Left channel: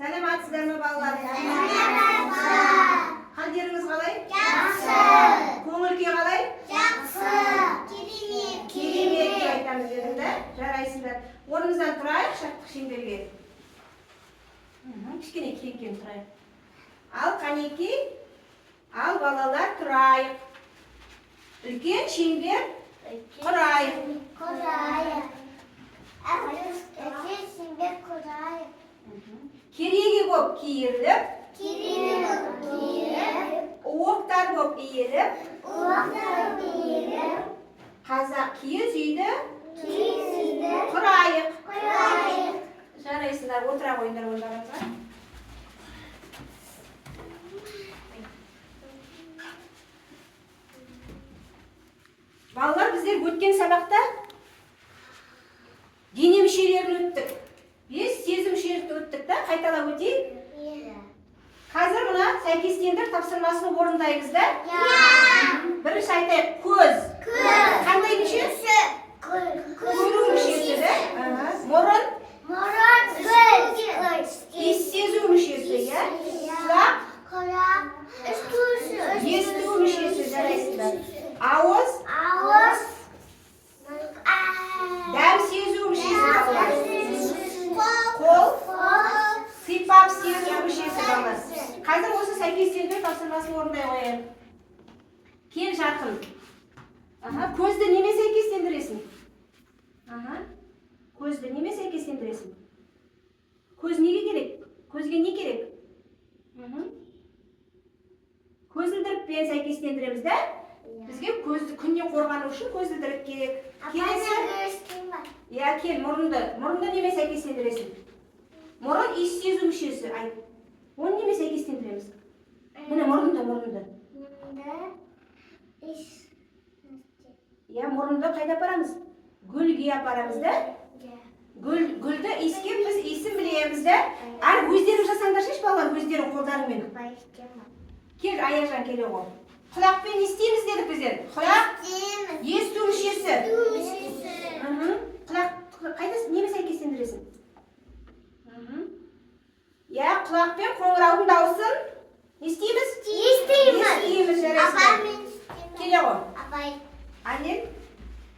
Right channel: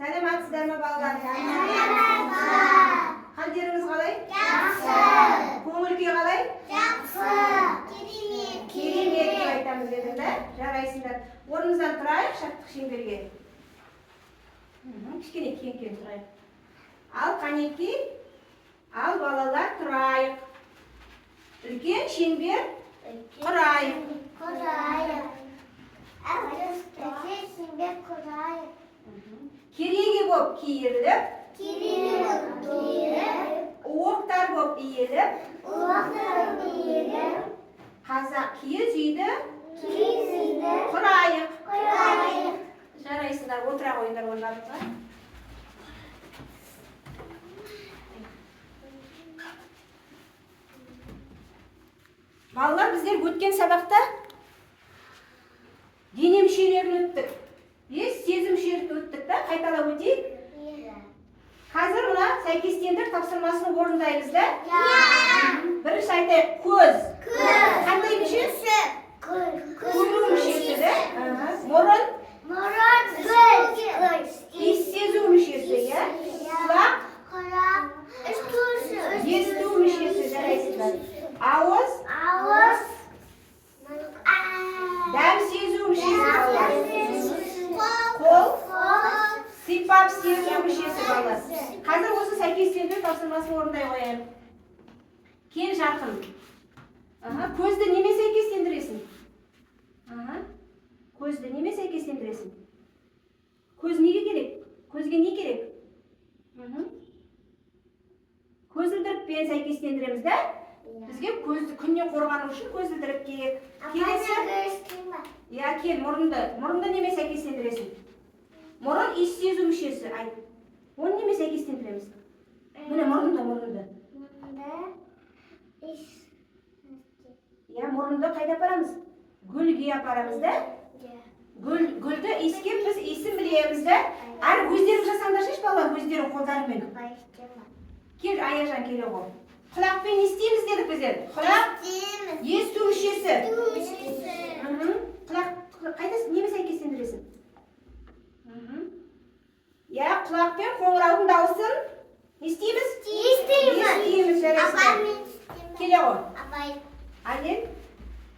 Сәлеметсіздер ме балалар? Қалдеріңіз қалай? Жақсы. Көңіл-күй қалай? Жақсы. Керемет. Керемет деп айтамыз дедім да? Жарайсыңдар. Орнымыздан тұрайық шаттық шеңберге. Кішкене кең тұрайық. Ал қанеки, ал балалар тұрайық. Үлкен шеңбер құрайық. Құрайық. Үлкен шеңбер құрайық. Кереге боп киіріліп, Оқтар боп иіліп, иіліп, қазақ киіз үйді үйді құрайық. құрайық. Жарайсыңдар, отыра қойыңдар ондарыңызға. Балалар, біздер өткен сабақта дене мүшелерін өттік. 5 сезім мүшелерін өттік та, қайталап өтейік. Қазір мына сәйкестендір тапсырмасын орындаймыз да. Бірінші айтайық, көз. Қандай мүше? Көру мүшесі да. Мұрын. Иіс сезу мүшесі, иә. Құлақ. Есту мүшесі, жарайсыздар. Ауыз. Дәм сезу мүшесі, балалар. Қол. Сипап сезу мүшесі, балалар. Қазір осы сәйкестендіру тапсырмасын орындай қояйық. Кел жақын. Көзді неме сәйкестендіресің? Көзді неме сәйкестендіресің? Көз неге керек? Көзге не керек? Көзілдірікпен сәйкестендіреміз да? Бізге көзді күннен қорғану үшін көзілдірік керек. Келесі? Иә, кел, мұрынды неме сәйкестендіресің? Мұрын иіс сезу мүшесі, айт. Оны неме сәйкестендіреміз? Міне мұрынды. Иә, мұрынды қайда апарамыз? Гүлге апарамыз да? Гүлді иіскеп біз иісін білеміз да? Әр өздерің жасаңдар шеш балалар, өздерің қолдарыңмен. Кел, Аяжан келе ғой. Құлақпен естейміз дедік біздер. Құлақ есту мүшесі. Құлақ қайда неме сәйкестендіресің? Иә, құлақпен қоңыраудың дауысын естейміз? Естейміз, жарайсыздар. Келе ғой. Анел,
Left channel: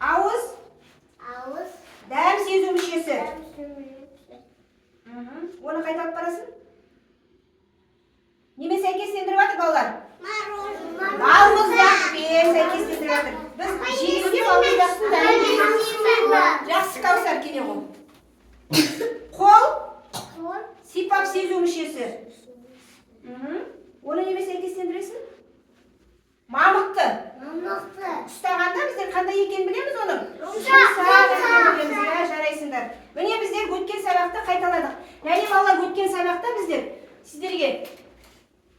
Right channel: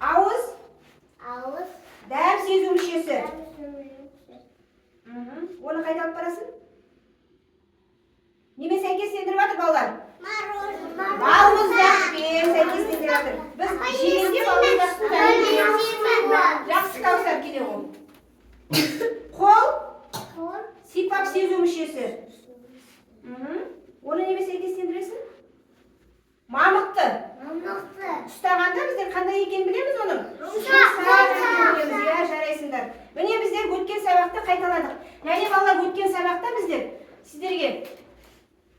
ауыз. Дәм сезу мүшесі. Оны қайда алып барасың? Неме сәйкестендіріп жатыр балалар? Балмұздақпен сәйкестендіріп жатыр. Біз жегенде балмұздақтың дәмін жейміз. Жақсы, Кәусар, келе ғой. Қол. Сипап сезу мүшесі. Оны неме сәйкестендіресің? Мамықты. Ұстағанда біздер қандай екенін білеміз оның? Жұмсақ екенін білеміз, иә, жарайсыңдар. Міне біздер өткен сабақты қайталадық. Яғни балалар, өткен сабақта біздер сіздерге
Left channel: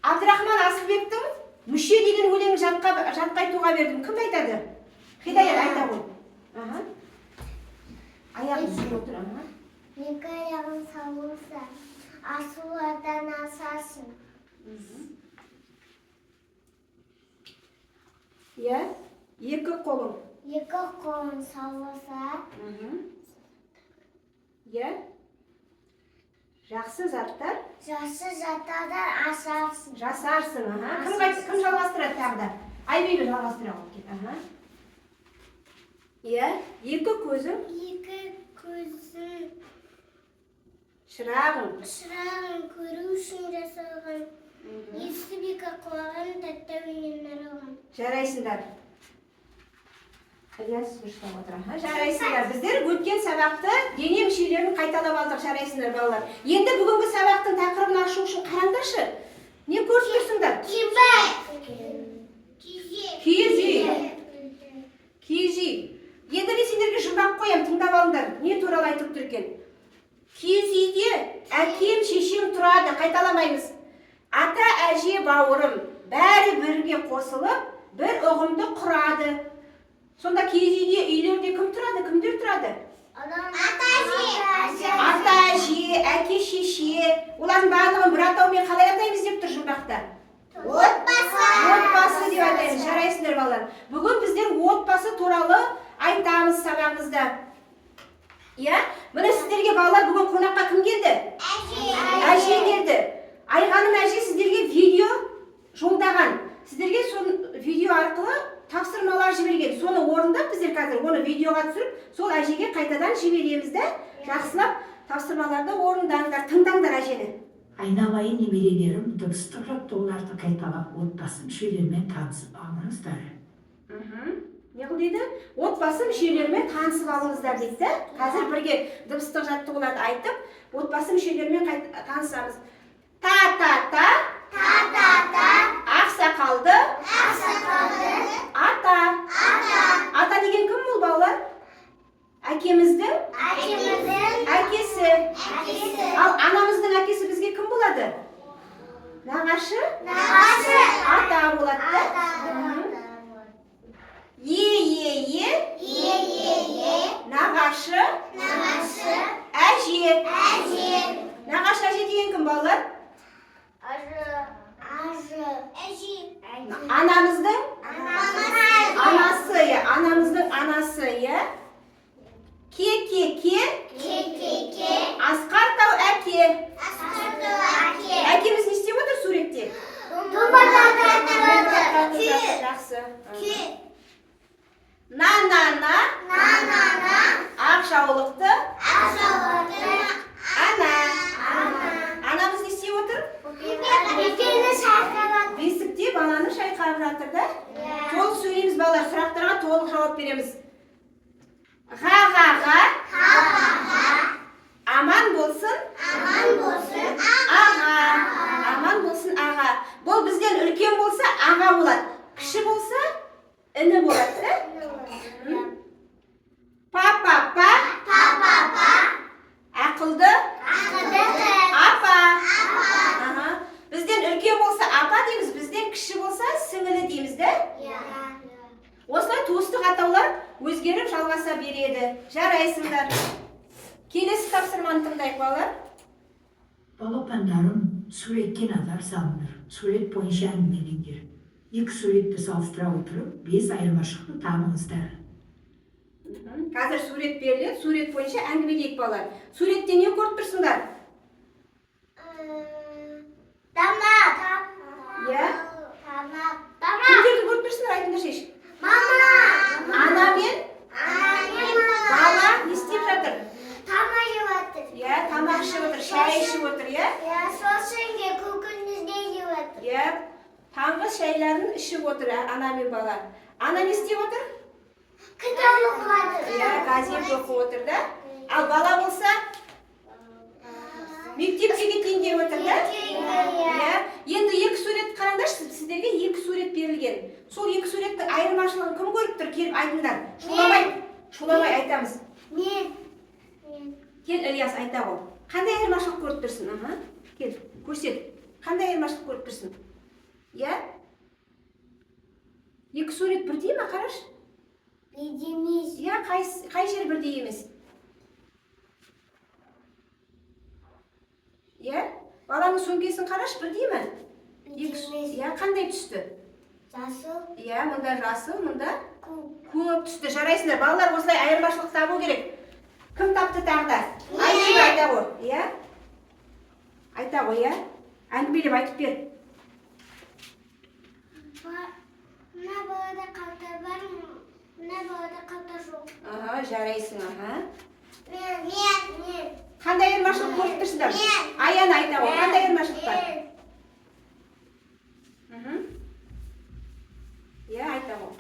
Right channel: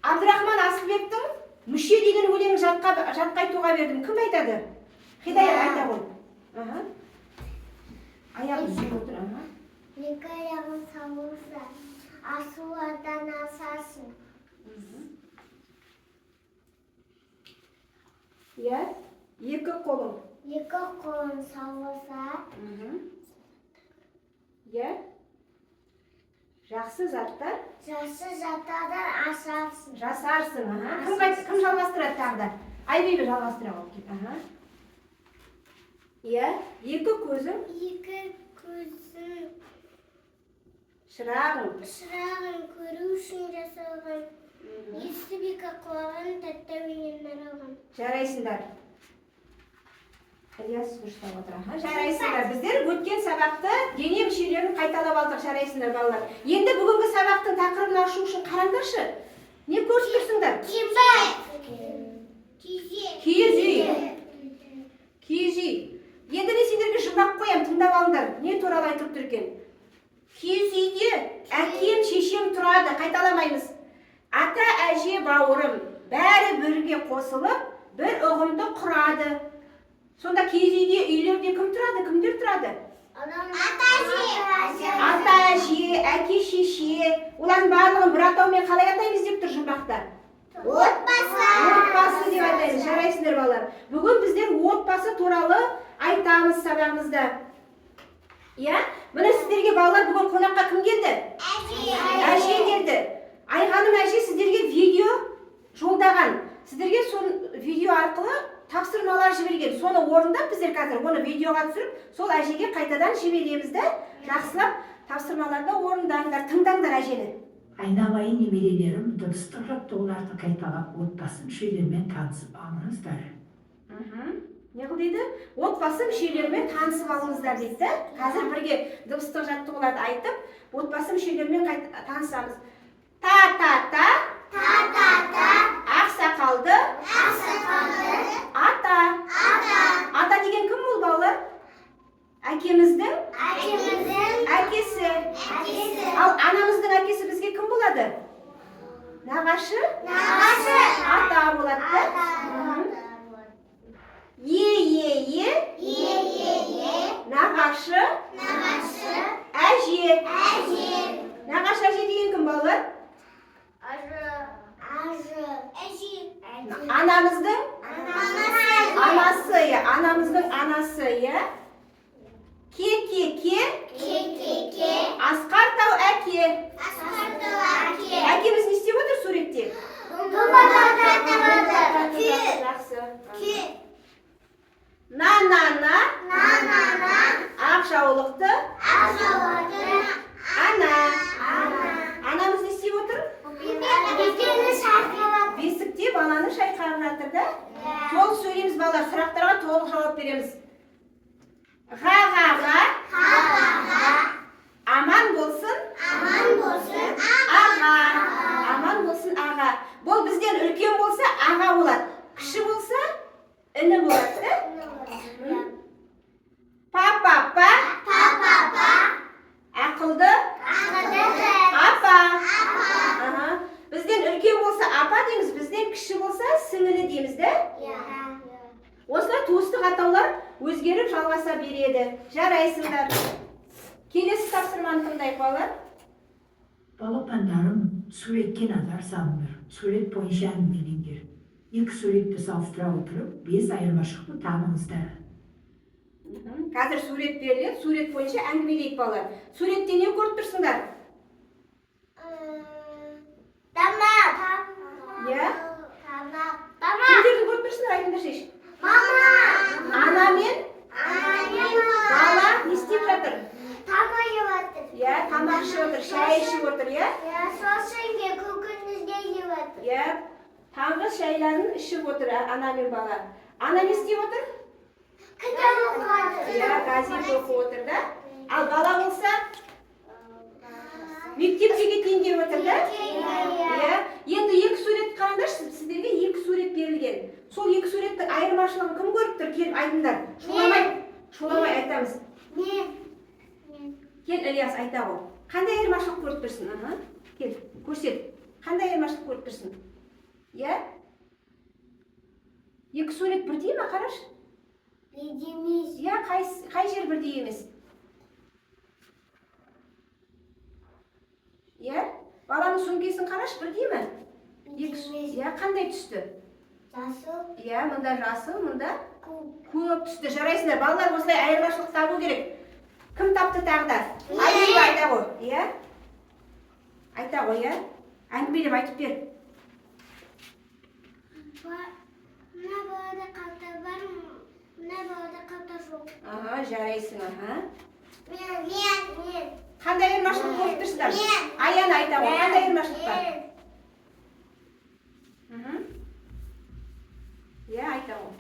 Абдрахман Асылбектің мүше деген өлеңін жатқа айтуға бердім. Кім айтады? Хидаят айта ғой. Аяғын сүйіп отыр. Екі аяғын салуырса, асулардан асасын. Иә, екі қолың. Екі қолын салуырса, Иә, жақсы заттар. жақсы заттардан асарсың. Жасарсың. Кім жалғастырады тағы да? Айбейбі жалғастыра ғой. Иә, екі көзің. Екі көзің Шырағың. көру үшін жасалған. Естіп екі құлағын тәттәуінен наралған. Жарайсыңдар. Жарайсыңдар. Біздер өткен сабақты дене мүшелерін қайталап алдық, жарайсыңдар балалар. Енді бүгінгі сабақтың тақырыбын ашу үшін қараңдаршы. Не көріп тұрсыңдар? Киіз үй. Енді мен сендерге жұмбақ қоям, тыңдап алыңдар. Не туралы айтып тұр екен? Киіз үйде әкем, шешем тұрады, қайталамаймыз. Ата, әже, бауырым, бәрі бірге қосылып, бір ұғымды құрады. Сонда киіз үйде үйлерде кім тұрады, кімдер тұрады? Ата, әже, әке, шеше. Олардың барлығын бір атаумен қалай атаймыз деп тұр жұмбақта? Отбасы деп айтаймыз, жарайсыңдар балалар. Бүгін біздер отбасы туралы айтамыз сабағымызда. Иә? Міне сіздерге балалар бүгін қонаққа кім келді? Әже келді. Айғаным әже сіздерге видео жолдаған. Сіздерге сол видео арқылы тапсырмалар жіберген. Соны орындап біздер қазір оны видеоға түсіріп, сол әжеге қайтадан жібереміз де, жақсылап тапсырмаларды орындаңдар, тыңдаңдар әжені. Айналайын немерелерім, дыбыстық жаттығуларды қайталап, отбасы мүшелерімен танысып алыңыздар. Не қыл дейді? Отбасы мүшелерімен танысып алыңыздар дейді. Қазір бірге дыбыстық жаттығуларды айтып, отбасы мүшелерімен танысамыз. Та-та-та, ақсақалды, ата. Ата деген кім бұл балалар? Әкеміздің әкесі. Ал анамыздың әкесі бізге кім болады? Нағашы? Ата болады да. Е, нағашы, әже. Нағашы әже деген кім балалар? Анамыздың анасы, анамыздың анасы, ке, асқар тау әке. Әкеміз не істеп отыр суретте? Жақсы. На, ақшаулықты, ана. Анамыз не істеп отыр? Бесікте баланы шайқап жатыр да? Толық сөйлейміз балалар, сұрақтарға толық жауап береміз. Ға, аман болсын, аға. Аман болсын, аға. Бұл бізден үлкен болса, аға болады. Кіші болса, іні болады да? Па, ақылды, апа. Бізден үлкен болса апа дейміз, бізден кіші болса сіңілі дейміз да? Осылай туыстық атаулар өзгеріп жалғаса береді. Жарайсыңдар. Келесі тапсырманы тыңдайық балалар. Балапандарым, суретке назар салыңдар. Сурет бойынша әңгімелеңдер. Екі суретті салыстыра отырып, 5 айырмашылықты табыңыздар. Қазір сурет беріледі, сурет бойынша әңгімелейік балалар. Суретте не көріп тұрсыңдар? Тамақ. Кімдерді көріп тұрсыңдар, айтыңдар шеш. Ана мен бала не істеп жатыр? Тамақ ішіп отыр, шай ішіп отыр, Сосын көкөнізге жеп отыр. Таңғы шайларын ішіп отыр ана мен бала. Ана не істеп отыр? Кітап оқып Газет оқып отыр да. Ал бала болса мектепке кетейін деп отыр да. Енді екі сурет қараңдаршы, сіздерге екі сурет берілген. Сол екі суреттің айырмашылығын кім көріп тұр? Келіп айтыңдар. Шуламай айтамыз. Кел, Ильяс, айта ғой. Қандай айырмашылық көріп тұрсың? Кел, көрсет. Қандай айырмашылық көріп тұрсың? Екі сурет бірдей ме, қараш? Бедеміз. Қай жер бірдей емес? Баланың сөмкесін қараш, бірдей ме? Бедеміз. Қандай түсті? Жасыл. Мұнда жасыл, мұнда көп түсті. Жарайсыңдар, балалар осылай айырмашылық табу керек. Кім тапты тағда? Айта ғой, Айта ғой, әңгімелеп айтып бер. Мына балада қалта бар, мына балада қалта жоқ. Жарайсың, Мен. Қандай айырмашылық көріп тұрсыңдар? Аяна айта ғой, қандай айырмашылық бар? Айта ғой.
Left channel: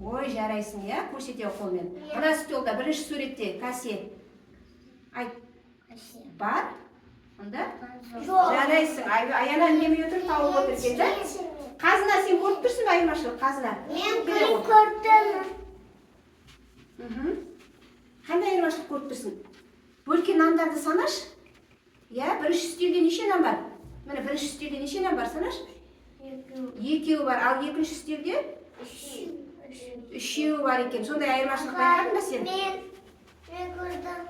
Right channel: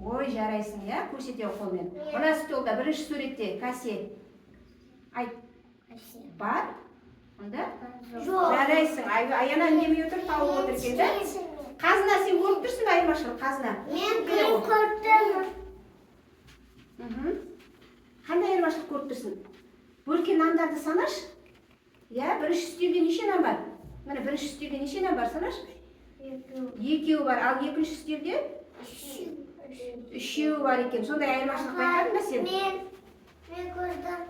Ой, жарайсың, көрсете қолмен. Мына столда бірінші суретте кассе. Айт. Бар? Онда? Жарайсың. Аяна үндемей отыр, тауып отыр екен да? Қазына сен көріп тұрсың ба айырмашылық? Қазына. Мен көрдім. Қандай айырмашылық көріп тұрсың? Бөлкен нандарды санаш? Бірінші үстелде неше нан бар? Міне бірінші үстелде неше нан бар, санаш? Екеуі бар, ал екінші үстелде? Үшеуі бар екен. Сондай айырмашылық байқадың ба сен? Мен көрдім.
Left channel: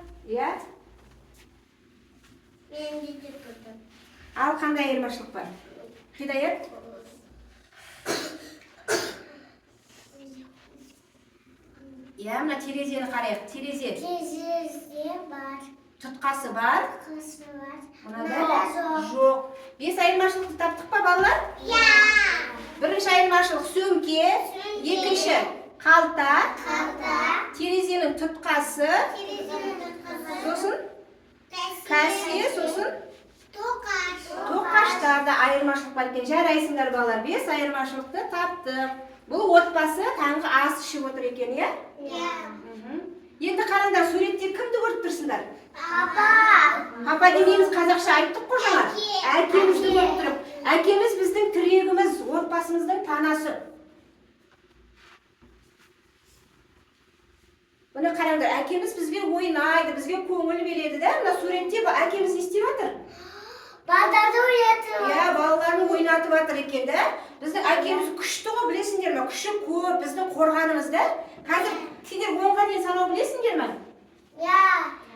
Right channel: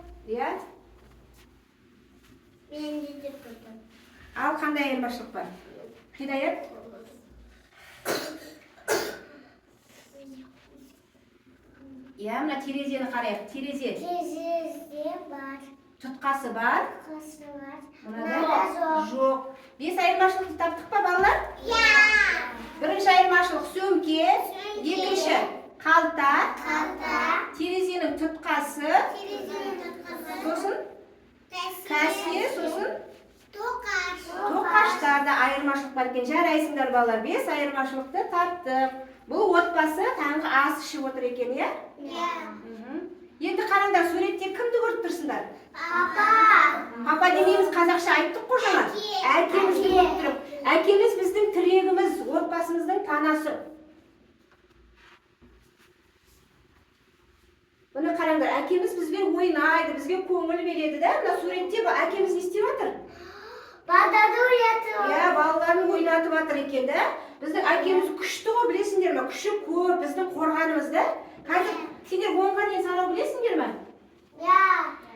Мен де көрдім. Ал қандай айырмашылық бар? Хидаят? Мына терезені қарайық. Терезе Терезе бар. тұтқасы бар. Қысы бар. Мынада Бес айырмашылықты таптық па, балалар? Бірінші айырмашылық сөмке, екінші қалта, терезенің тұтқасы, сосын кәсе, сосын тоқаштарда айырмашылық бар екен. Жарайсыңдар, балалар, бес айырмашылықты таптық. Бұл отбасы таңғы ас ішіп отыр екен, е? Енді қараңдар, суретте кімді көріп тұрсыңдар? Папа демейміз, қазақша айттық қой жаңа. Әкемізді көріп тұрып. Әкеміз біздің тірегіміз, отбасымыздың танасы. Бұны қараңдар, әкеміз бізбен ойнайды, бізге көңіл береді, да? Мына суретте әкеміз не істеп жатыр? Балаларын ойнатып жатыр екен, да? Біздің әкеміз күшті ғой, білесіңдер ме? Күші көп, біздің қорғанымыз, да? Қазір сендер 10-ға дейін санау білесіңдер ме?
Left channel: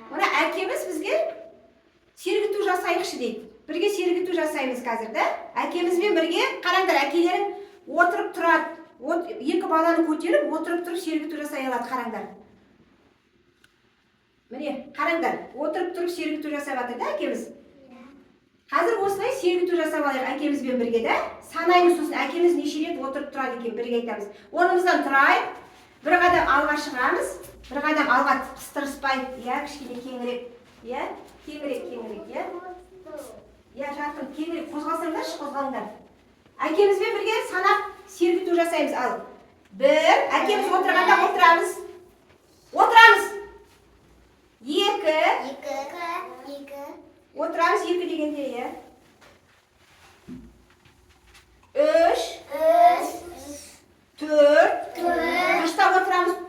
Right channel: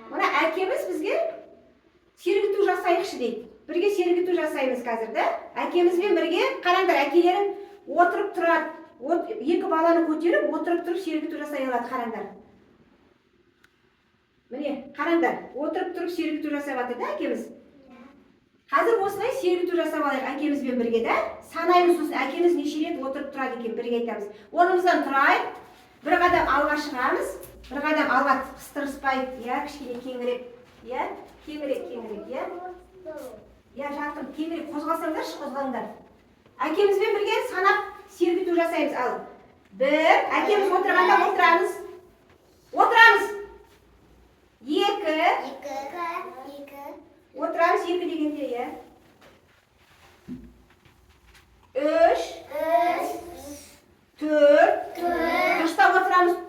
Мына әкеміз бізге сергіту жасайықшы дейді. Бірге сергіту жасаймыз қазір, да? Әкемізбен бірге, қараңдар, әкелерің отырып тұрады. Екі баланы көтеріп, отырып тұрып сергіту жасай алады, қараңдар. Міне, қараңдар, отырып тұрып сергіту жасай алады, да, әкеміз? Қазір осылай сергіту жасап алайық әкемізбен бірге, да? Санаймыз сосын, әкеміз неше рет отырып тұрады екен, бірге айтамыз. Орнымыздан тұрайық, бір қадам алға шығамыз, бір қадам алға тырыспай, кішкене кеңірек, кеңірек, жарқын, кеңірек қозғалсаңдаршы, қозғалыңдар. Әкемізбен бірге санап сергіту жасаймыз, ал. Бір, әкеміз отырғанда отырамыз. Екі. Отырамыз, екі дегенде, е. Үш. Төрт. Қыштап отырамыз.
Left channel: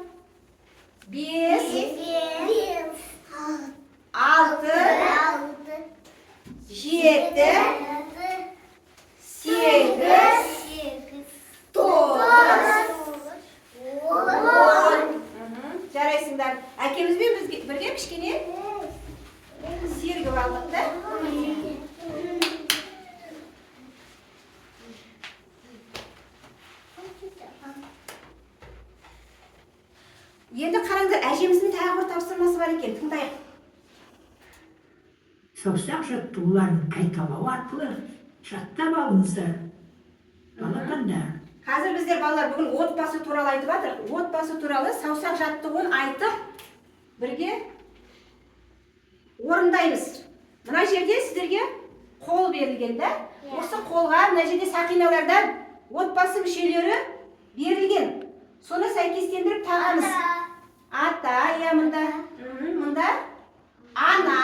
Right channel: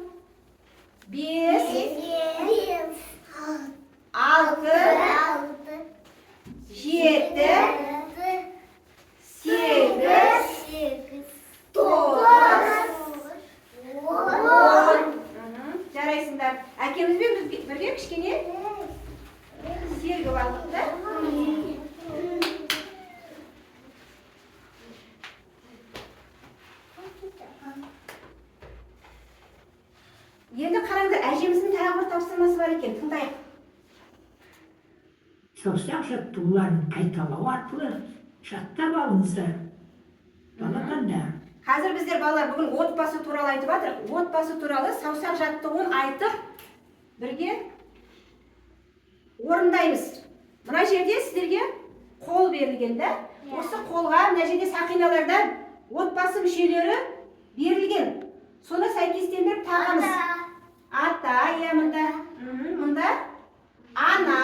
Бес. Алты. Жеті. Сегіз. Тоғыз. Он. Жарайсыңдар. Әкемізбен бірге кішкене сергіп алдық, да? Енді қараңдар, әжеміздің тағы бір тапсырмасы бар екен, тыңдайық. Саусақ жаттығуларын қайталау арқылы жаттап алыңыздар. Балапандар. Қазір біздер балалар бүгін отбасы туралы айтып жатыр. Отбасы туралы саусақ жаттығуын айтып, бірге орындаймыз. Мына жерде сіздерге қол берілген, да? Осы қолға мына жерде сақиналардан отбасы мүшелері берілген. Соны сәйкестендіріп тағамыз. Ата, мұнда ана,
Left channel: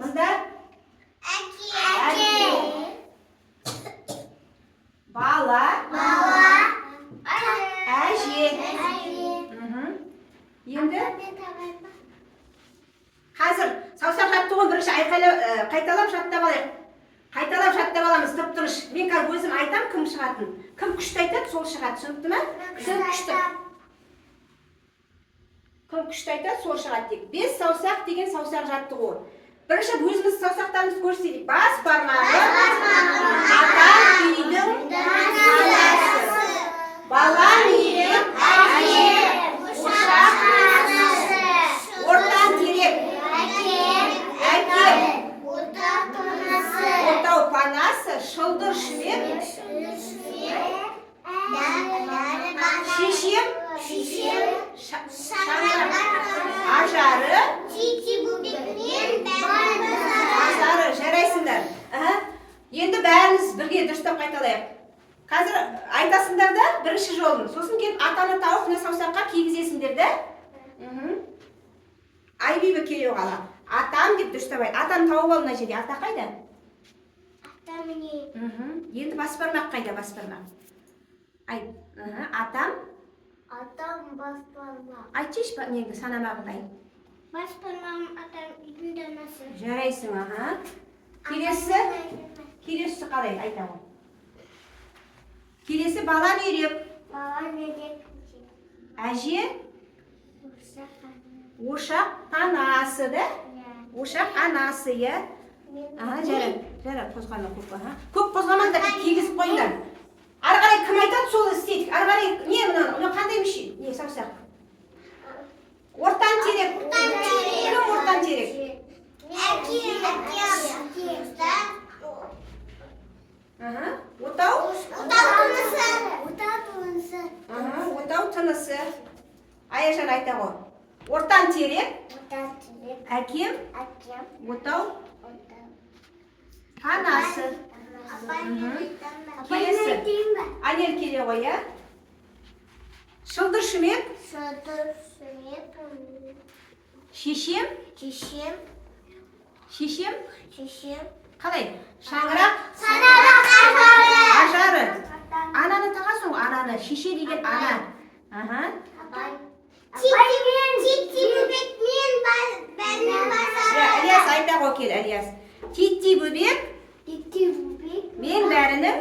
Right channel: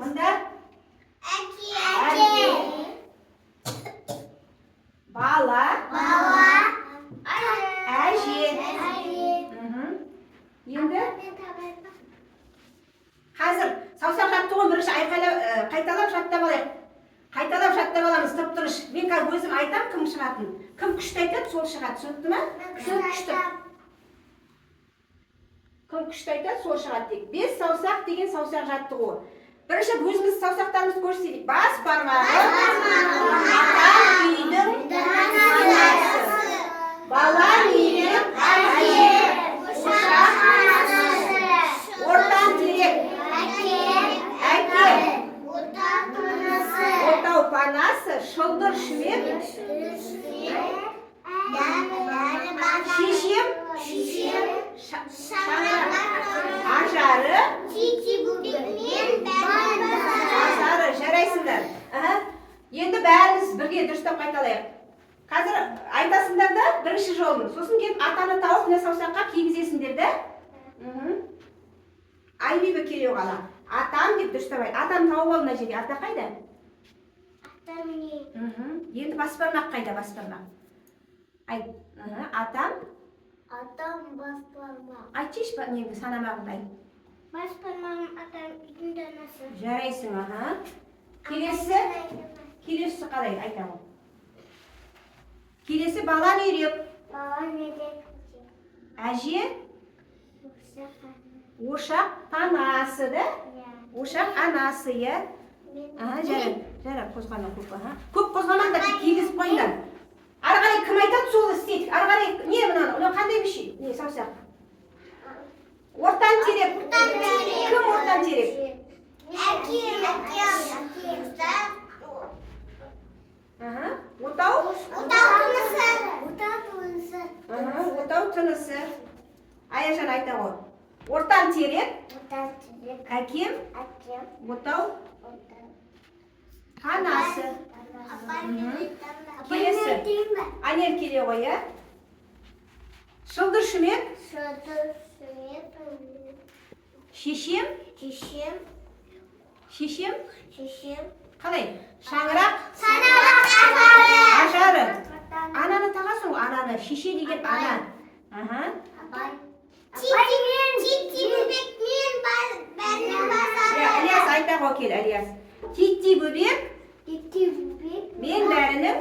мұнда әке, бала, әже. Енді қазір саусақ жаттығуын бірінші қайталап жаттап алайық. Қайталап жаттап аламыз, тып-тыныш. Мен қазір өзім айтам, кім шығатын. Кім күшті айтады, сол шығады. Түсінікті ме? Кім күшті айтады, сол шығады дейік. 5 саусақ деген саусақ жаттығу. Бірінші өзіміз саусақтарымызды көрсетейік. Бас бармағы, ата үйдің анасы, бала үйдің әже, ошақ анасы, ортан терек, әке, отау панасы, шылдыр шүмек, шешем, ажары, жарайсыңдар. Енді бәріміз бірге дұрыстап қайталайық. Қазір айтасыңдар да бірінші жолын. Сосын келіп атаны тауып мына саусаққа кигізесіңдер да. Айбибі келеу қала. Атам деп дұрыстап айт. Атаны тауып ал мына жерде. Ата қайда? Ата міне. Енді бас бармақ қайда, бас бармақ? Айт. Атам. Атам бас бармақ. Айтшы неңді санамағыңды айт. Бас бармағым атам үйдің данасы. Жарайсың, Келесі қалай айтамын. Келесі бала нерек. Бала нерек. Әже. Ошақ анасы, да? Ошақ анасы, е? Жарай, қозғана көп. Көп қозғамаңдар, кигізіп қойыңдар. Ары қарай кім айтады, сол істейдік. Ары қарай, не мынау, қандай мүше? Не, саусақ? Ортан терек. Кім ортан терек? Әке. тынысы. Аяжан айта ғой. Ортан терек. Әкем. Отау. Анасы. Келесі. Анел келе ғой, иә? Шылдыр шүмек. Шешем. Қалай? Шаңырақ. Ажары. Ананы тағасың ғой, ананы. Шеше деген ана. Ілияс айта ғой кел, Ілияс. Титти бөбек. Мен бәрінің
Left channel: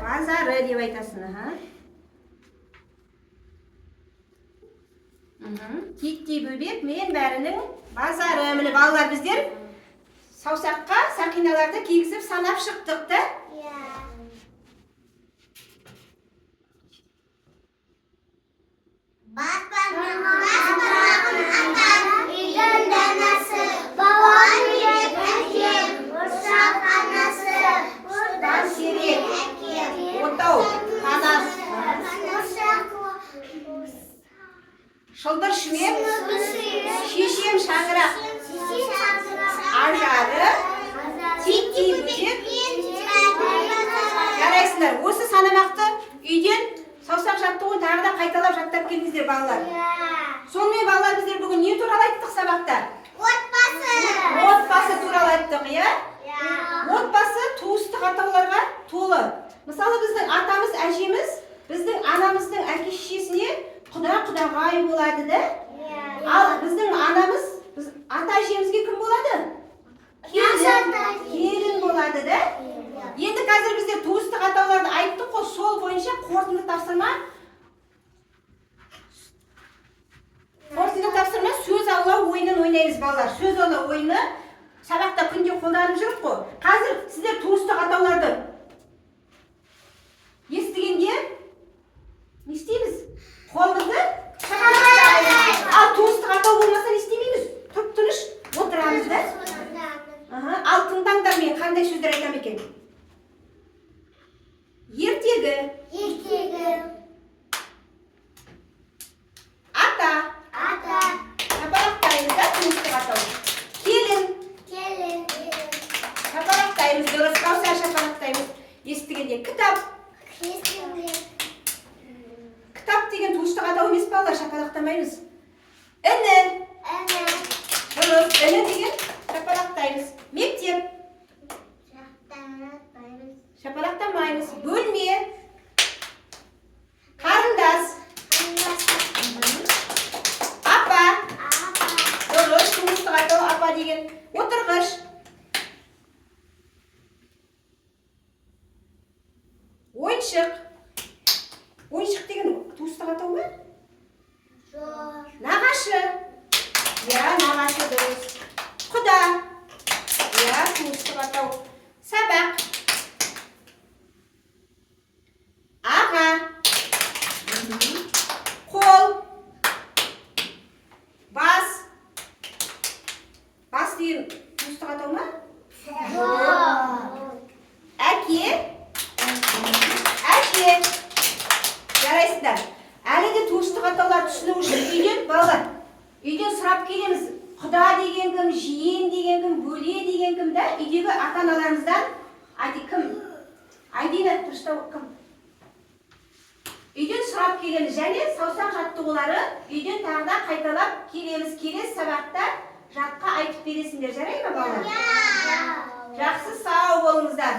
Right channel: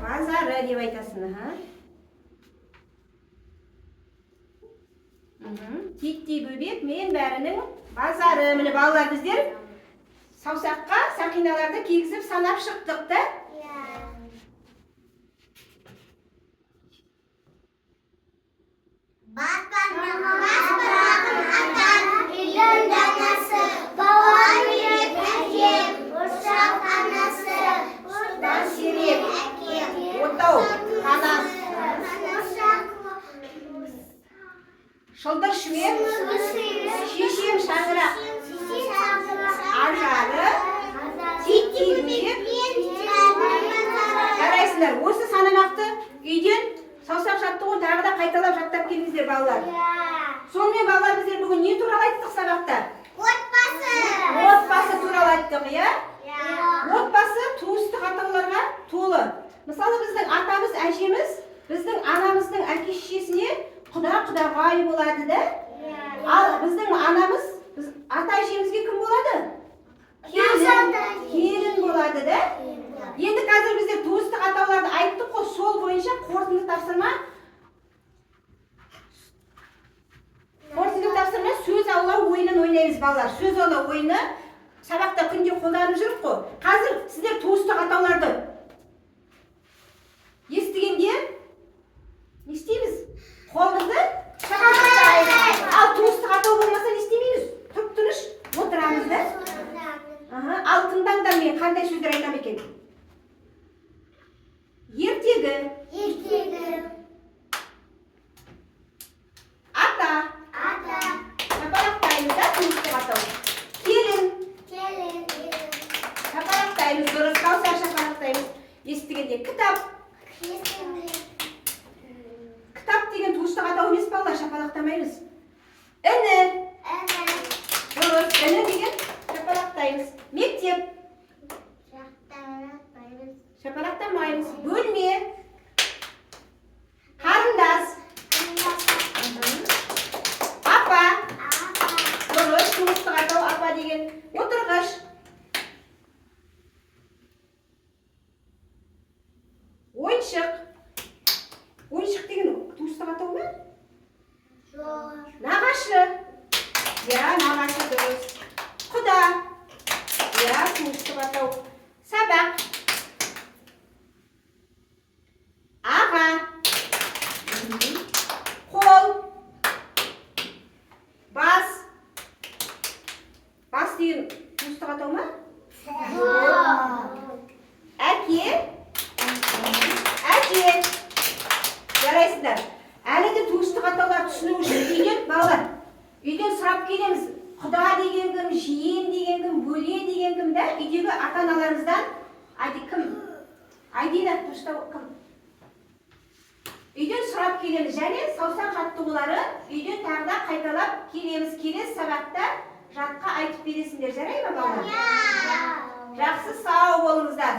базары деп айтасың. Титти бөбек, мен бәрінің базары. Міне балалар біздер саусаққа сақиналарды кигізіп санап шықтық та. Отау, шылдыр шүмек, шешем шаңырақ, ажары, титти бөбек. Жарайсыңдар, осы санамақты үйден саусақ жаттығуын тағы да қайталап жаттап келіңіздер балалар. Сонымен балалар біздер бүгін не туралы айттық сабақта? Отбасы туралы айттық, иә? Отбасы туыстық атауларға толы. Мысалы біздің атамыз, әжеміз, біздің анамыздың әке-шешесіне құда-құдағай болады да. Ал біздің анамыз, ата-әжемізге кім болады? Келін болады да. Енді қазір біздер туыстық атауларды айттық қой, сол бойынша қорытынды тапсырма сөз аулау ойынын ойнаймыз балалар. Сөз аулау ойыны сабақта күнде қолданып жүріп қой. Қазір сіздер туыстық атауларды естігенде не істейміз? Қолымызды шапалақтаймыз. Ал туыстық атау болмаса не істемейміз? Тып-тыныш отырамыз да. Ал тыңдаңдар, мен қандай сөздер айтам екен? Ертегі. Ата. Шапалақтаймыз да туыстық атау. Келін. Шапалақтаймыз, дұрыс қауса шапалақтаймыз. Естігенде кітап. Кітап деген туыстық атау емес балалар, шапалақтамаймыз. Іні. Дұрыс, іні деген шапалақтаймыз. Мектеп. Шапалақтамаймыз. Бөлме. Қарындас. Апа. Дұрыс, туыстық атау апа деген. Отырғыш. Ойыншық. Ойыншық деген туыстық атау ма? Нағашы. Я, нағашы дұрыс. Құда. Я, туыстық атау. Сабақ. Аға. Қол. Бас. Бас деген туыстық атау ма? Әке. Жарайсыздар. Әлі де туыстық атаулар түсіну үшін үйден балалар. Үйден сұрап келеміз. Құда деген кім, жиен деген кім, бөле деген кім да? Үйдегі ата-аналарымыздан айты кім? Айдина, тұрыштау кім? Үйден сұрап келеміз. Және саусақ жаттығулары үйден тағы да қайталап келеміз. Келесі сабақта жатқа айтып бересіңдер. Жарай ма балалар? Жақсы, сау болыңыздар.